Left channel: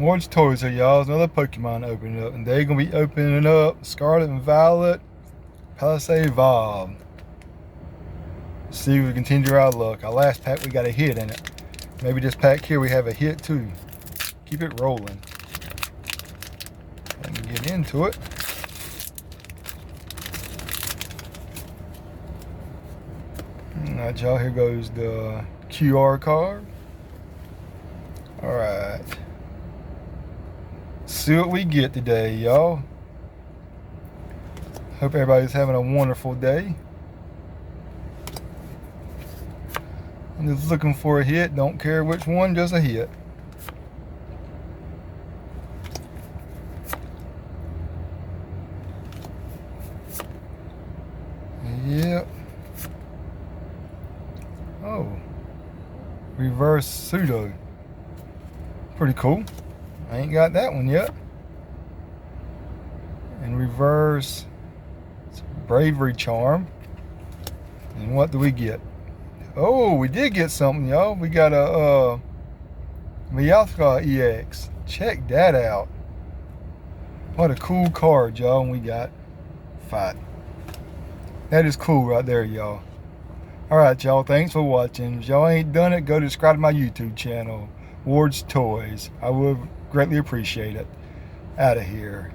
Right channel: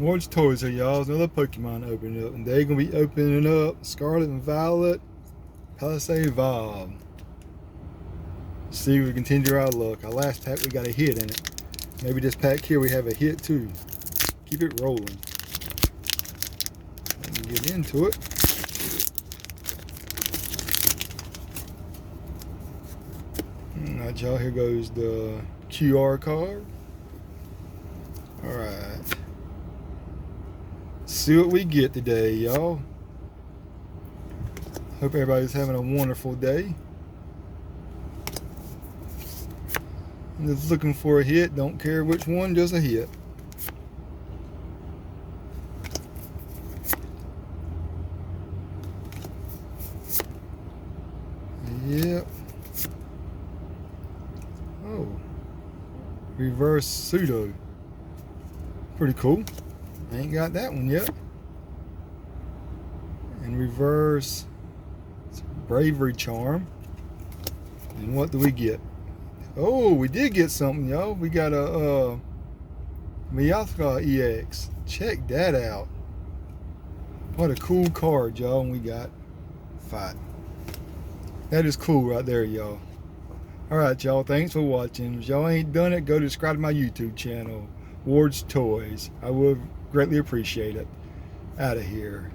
Ward's Toys here, y'all. There's another Pokemon opening up, and they're gonna be opening up Scarlet and Violet Palisade Evolve. See if we continue our luck. Our last pack we got a hit in it. Maybe this pack here we have a hit too. Keep it rolling. Let me get into it. Alright, y'all, here goes the QR card. Alright. See what we get today, y'all. Hope everybody's having a wonderful day. I'm just looking for a hit. Don't care which one, just a hit. Yep. Oh. Reverse pseudo. Pretty cool. I ain't got that one yet. And reverse bravery charm. And what do we get? Oh, we did get something, y'all. We got a Meowth EX. Check that out. What a cool card, y'all. And we got Fight. That is cool right there, y'all. Alright, y'all. Thanks for watching. If y'all ain't done it, go subscribe to my YouTube channel, Ward's Toys. I would greatly appreciate it. Out of here.